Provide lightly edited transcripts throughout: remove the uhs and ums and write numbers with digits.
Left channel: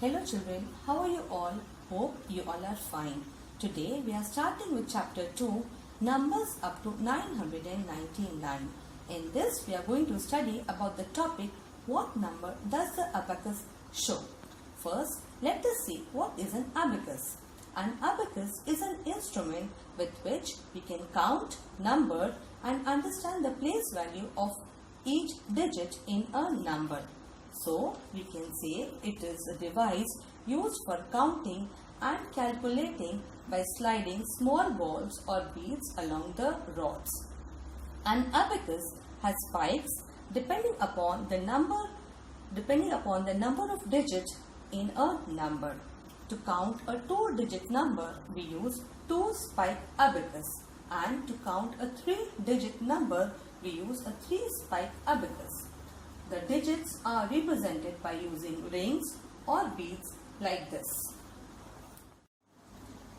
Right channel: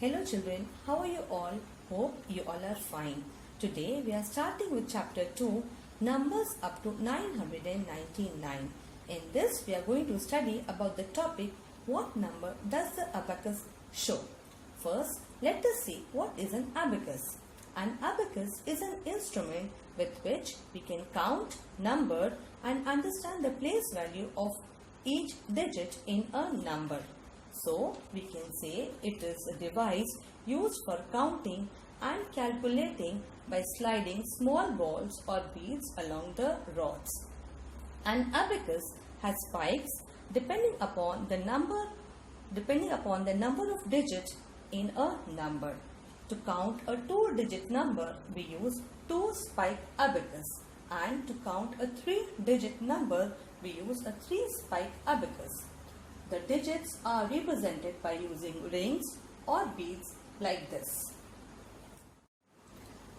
Hello children, how are you all? Hope you all are fine. Today we are starting with chapter 2, numbers up to 999. In this we are going to study about the topic, what number does the abacus show? First, let us see what is an abacus. An abacus is an instrument with which we can count, number and understand the place value of each digit in a number. So, we can say it is a device used for counting and calculating by sliding small balls or beads along the rods. An abacus has spikes depending upon the number of digits in a number. To count a 2-digit number, we use 2-spike abacus, and to count a 3-digit number, we use a 3-spike abacus. The digits are represented by using rings or beads like this.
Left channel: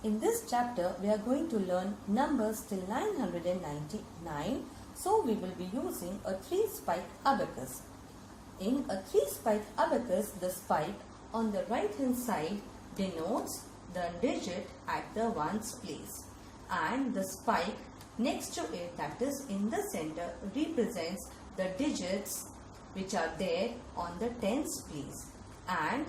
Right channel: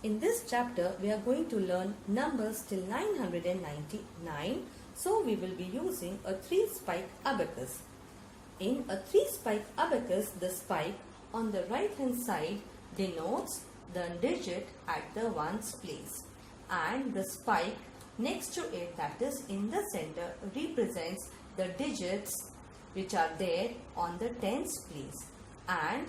In this chapter, we are going to learn numbers till 999. So, we will be using a 3-spike abacus. In a 3-spike abacus, the spike on the right hand side denotes the digit at the ones place, and the spike next to it, that is in the center, represents the digits which are there on the tens place, and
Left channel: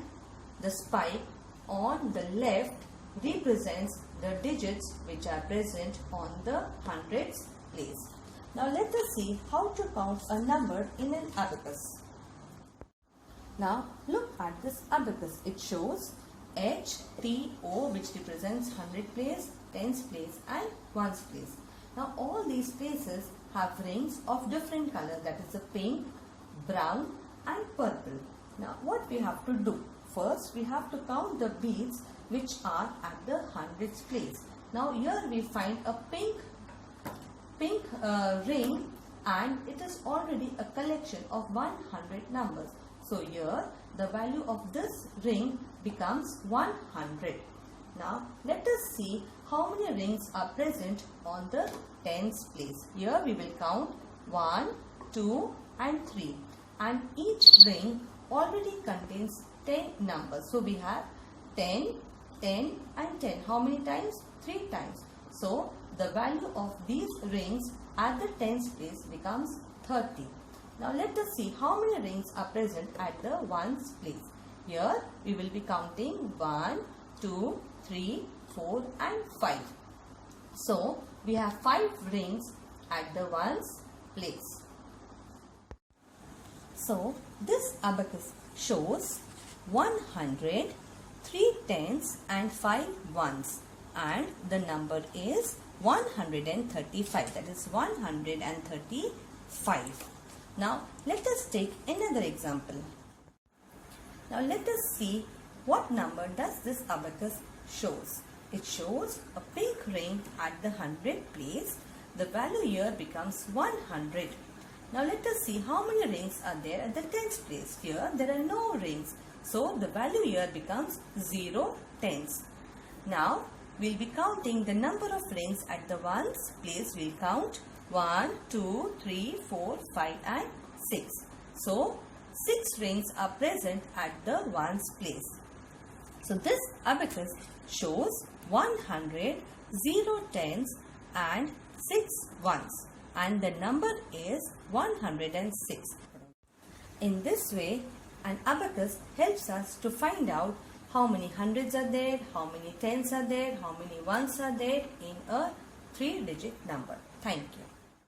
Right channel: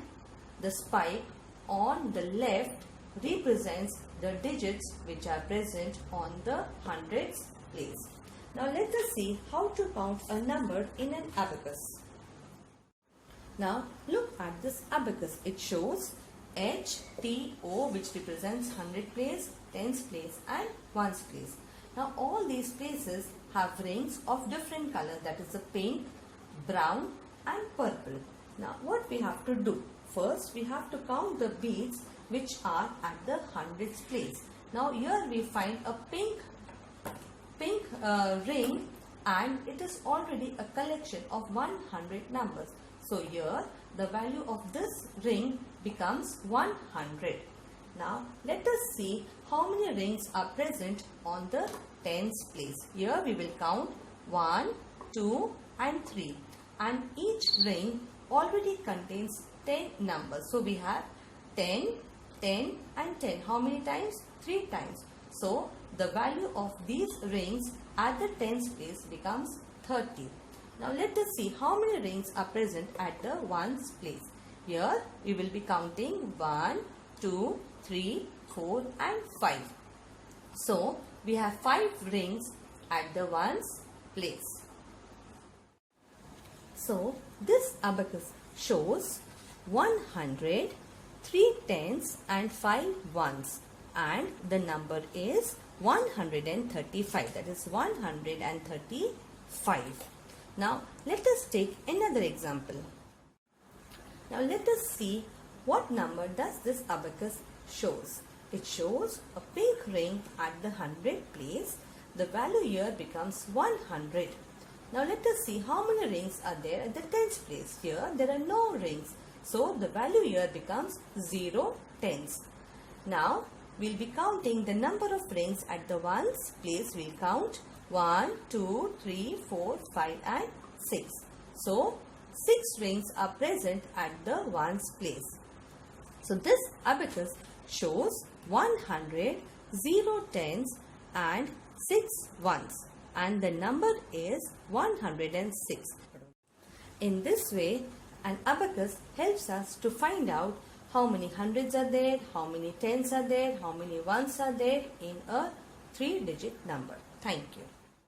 the spike on the left represents the digits which are present on the hundreds place. Now let us see how to count a number in an abacus. Now look at this abacus. It shows H, T, O, which represents hundred place, tens place and ones place. Now all these places have rings of different color, that is the pink, brown and purple. Now what we have to do? First we have to count the beads which are at the hundreds place. Now here we find a pink ring, and it is already a collection of 100 numbers. So here the value of this ring becomes 100. Now let us see how many rings are present on the tens place. Here we will count 1, 2 and 3, and each ring already contains 10 numbers. So we have 10, 10 and 10. How many times? 3 times. So the value of these rings at the tens place becomes 30. Now let us see how many rings are present at the ones place. Here we will be counting 1, 2, 3, 4 and 5. So we have 5 rings at the ones place. So this abacus shows 100, 3 tens and 5 ones, and the number is 135, that is 135. Now let us take another example. Now let us see what number does this abacus shows. It shows a pink ring at the 100 place. The value here becomes 100. Now let us see how many rings are there at the tens place. Here there are no rings. So the value here becomes 0 tens. Now we will be counting the number of rings at the ones place. We will count 1, 2, 3, 4, 5 and 6. So 6 rings are present at the ones place. So this abacus shows 100, 0 tens and 6 ones, and the number is 106. In this way, an abacus helps us to find out how many hundreds are there, how many tens are there, how many ones are there in a 3-digit number. Thank you.